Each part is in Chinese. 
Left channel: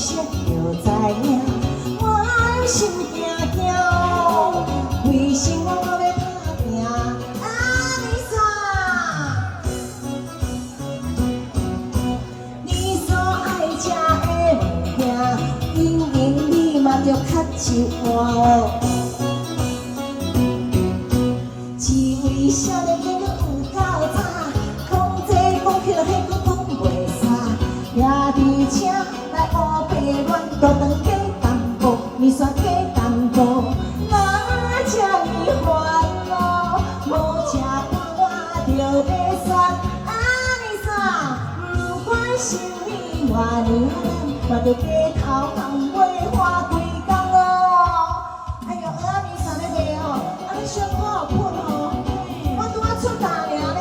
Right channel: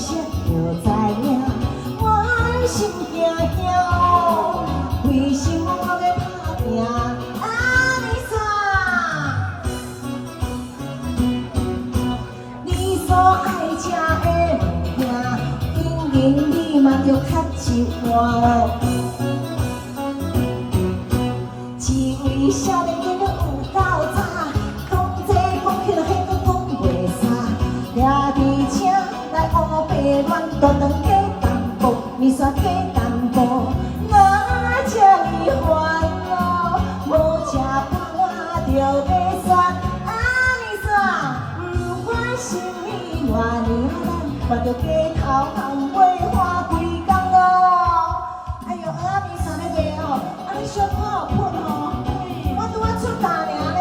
识就知影，我心惊惊，为什么我要打拼？啊，你说，你所爱食的物件，应应你嘛着较一碗。只为少年囡仔有够早，讲这讲去，迄个讲袂煞。抓伫车来乌白阮大肠加淡薄，面线加淡薄，哪这呢烦恼？无食饱我着要选。啊，你说，不管心里偌热，嘛着低头红袂花规工哦。哎呦，阿你说咧袂哦？啊，你小可有喷哦？我拄仔出大尔咧。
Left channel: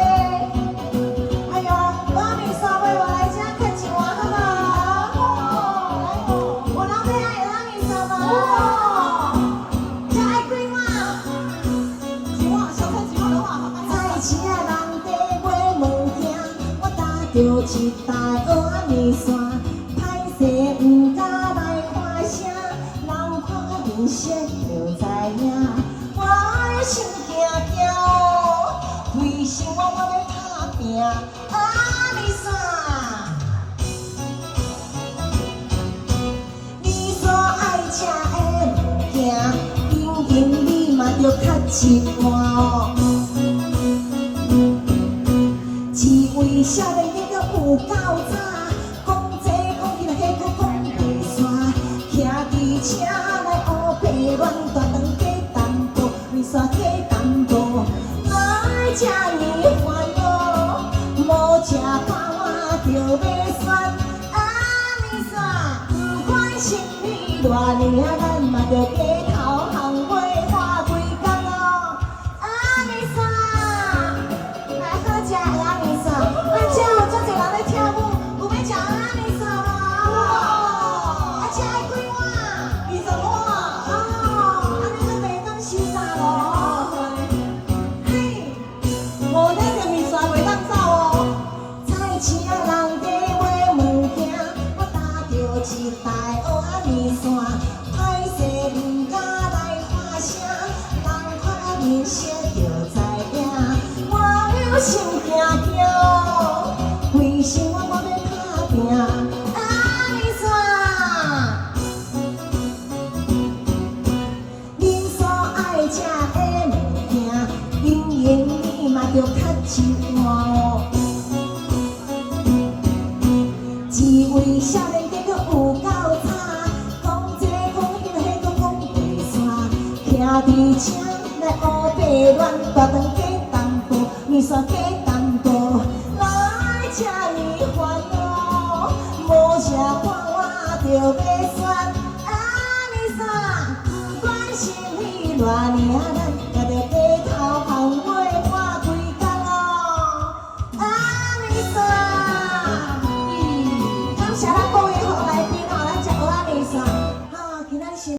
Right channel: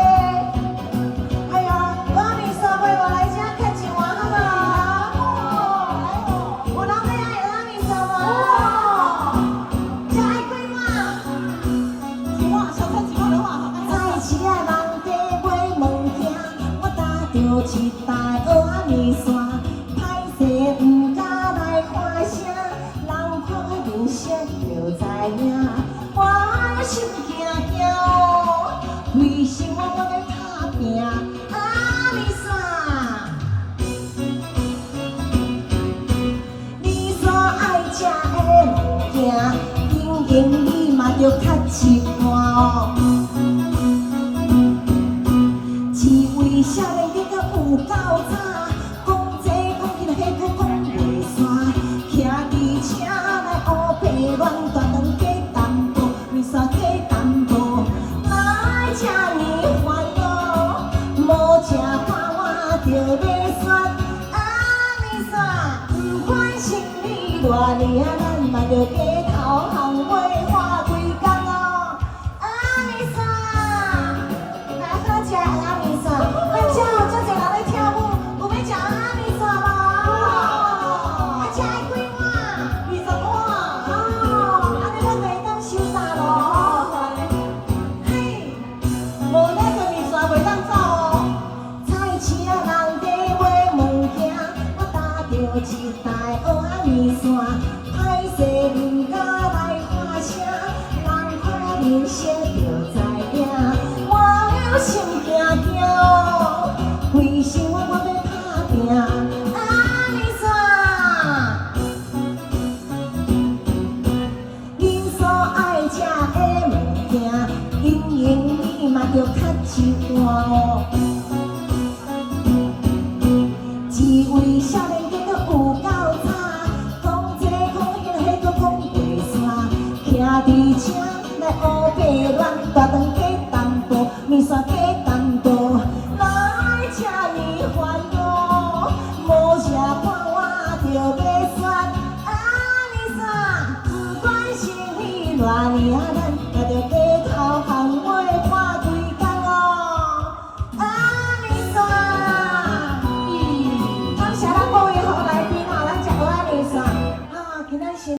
哎呦，阿你说袂我来遮客一碗好无？有人要爱阿你说无？遮爱几碗？一碗，小菜一碗的话，菜市啊人地买物件，我搭着一台阿你线，歹势毋敢来看声，人看面色就知影。我心惊惊哦，为什么我要打拼？啊，你说，你所爱食的物件，应应你嘛着较一碗哦。只为少年囡仔有够早，讲这讲去，迄个讲袂煞。徛伫车来乌白乱，大肠加淡薄，面线加淡薄，哪会这呢烦恼？无食饱我着要选。啊，你说，不管心里偌热，咱嘛着低头红袂花规工哦。啊，你说，来好食啊，你说，咱遮有足侪人咧跳舞，有要食啊，你说无？啊，遮爱几碗？20碗。哦，安尼阮袂当收煞咯。嘿，无咱着面线袂当走哦。菜市啊人地买物件，我搭着一台蚵仔面线，歹势毋敢来看声，人看面色就知影。我心惊惊哦，为什么我要打拼？啊，你说，恁所爱食的物件，应应你嘛着较一碗哦。只为少年囡仔有够早，讲这讲迄个迄个讲袂煞。徛伫车来乌白乱，大肠加淡薄，面线加淡薄，哪会这呢烦恼？无食饱我着要选。啊，你说，不管心里偌热。